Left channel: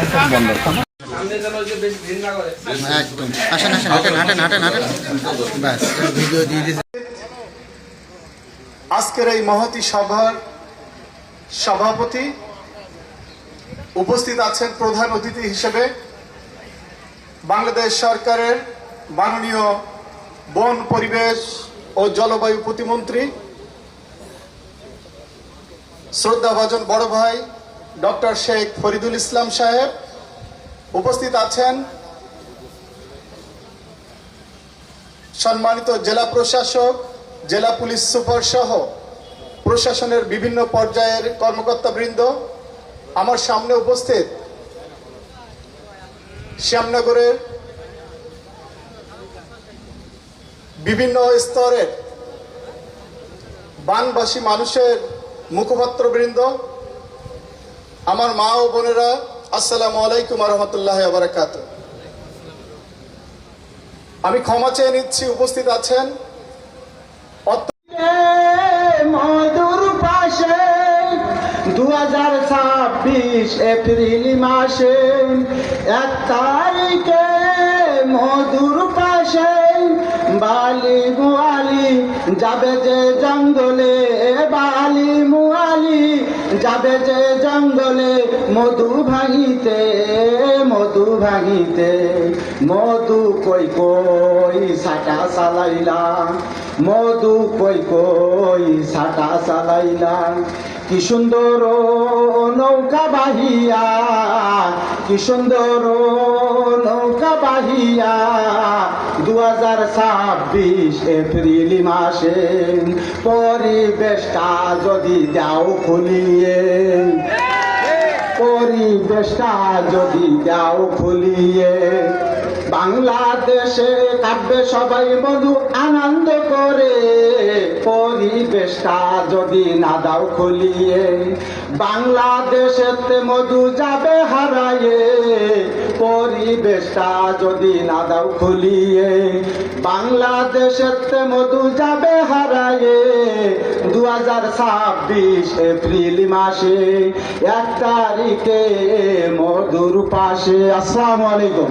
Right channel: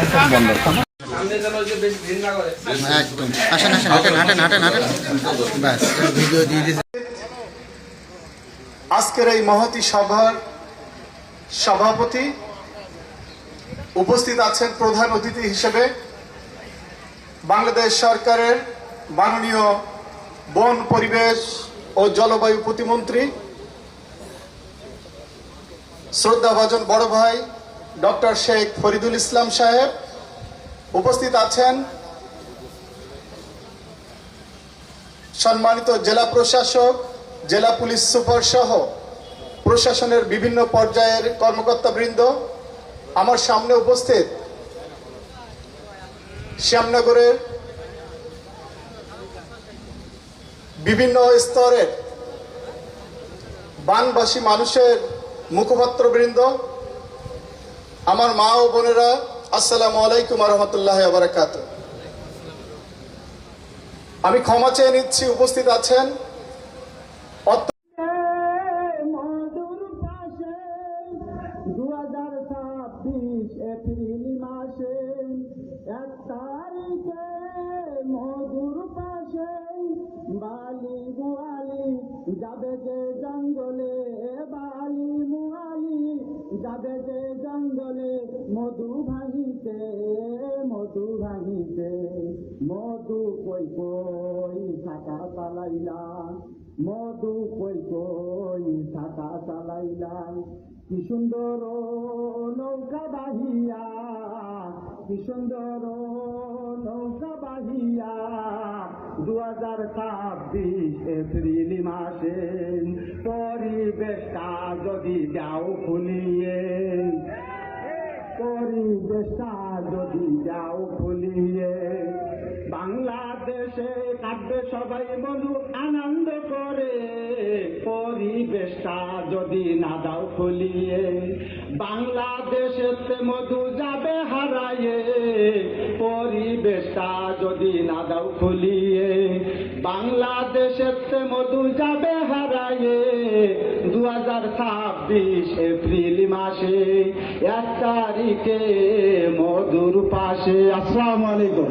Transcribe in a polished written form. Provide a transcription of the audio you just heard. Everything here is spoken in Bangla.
বন্দর। একদম আসেন আসেন, হাঁটেন হাঁটেন হাঁটেন হাঁটেন, ব্যাস ভিডিও দিয়ে দিয়েছে। আজকের এই মহতী সভার সভাপতি উপস্থিত আছেন প্রধান অতিথি হিসেবে বাংলাদেশ সরকারের মাননীয় বন, পরিবেশ ও জলবায়ু প্রতিমন্ত্রী শ্রদ্ধাভাজন বড় ভাই ডক্টর শেখ ফরিদুল ইসলাম সাহেব। উপস্থিত আছেন সম্মানিত জেলা প্রশাসক, জেলা পুলিশ সুপার সহ প্রশাসনের বিভিন্ন পর্যায়ের কর্মকর্তাবৃন্দ। আমার সামনে উপস্থিত শ্যামনগরের বিভিন্ন স্তরের বানবাসী মানুষের মুখপাত্রবৃন্দ, আমার মা ও বোনেরা, আসসালামু আলাইকুম ওয়া রাহমাতুল্লাহি ওয়া বারাকাতুহু। আমি ক্ষমা চেয়ে নিচ্ছি, উপস্থিত আছেন মধুর পাশে 2026 এপ্রিল মাসে 1 তারিখে মধুর পাশে বালি মুআলি যাবে যে জঙ্গলে, বালি মুআলি যাবে যে জঙ্গলে মধু ভাঙিতে, মধু ভাঙিতে। মধু কই কই সাটা চালাইলা, মধু কই কই সাটা চালাইলা। কি সুন্দর নৌকা বাহিয়া, কি সুন্দর নৌকা বাহিয়া 2026 এপ্রিল মাসে। পরিবেশটা যদি দাও খুলিয়ে, পরিবেশটা যদি দাও খুলিয়ে, বাংলাদেশে কাটবে সবাই মধু আনন্দ করে। পরিবেশটা যদি না দাও খুলিয়ে, বাংলাদেশেতে মধু যাবে হারায়ে। পরিবেশটা যদি না দাও খুলিয়ে, বাংলাদেশেতে মধু যাবে হারায়ে। 2026 এপ্রিল মাসে 1 তারিখে মধুর পাশে। আসসালামু আলাইকুম।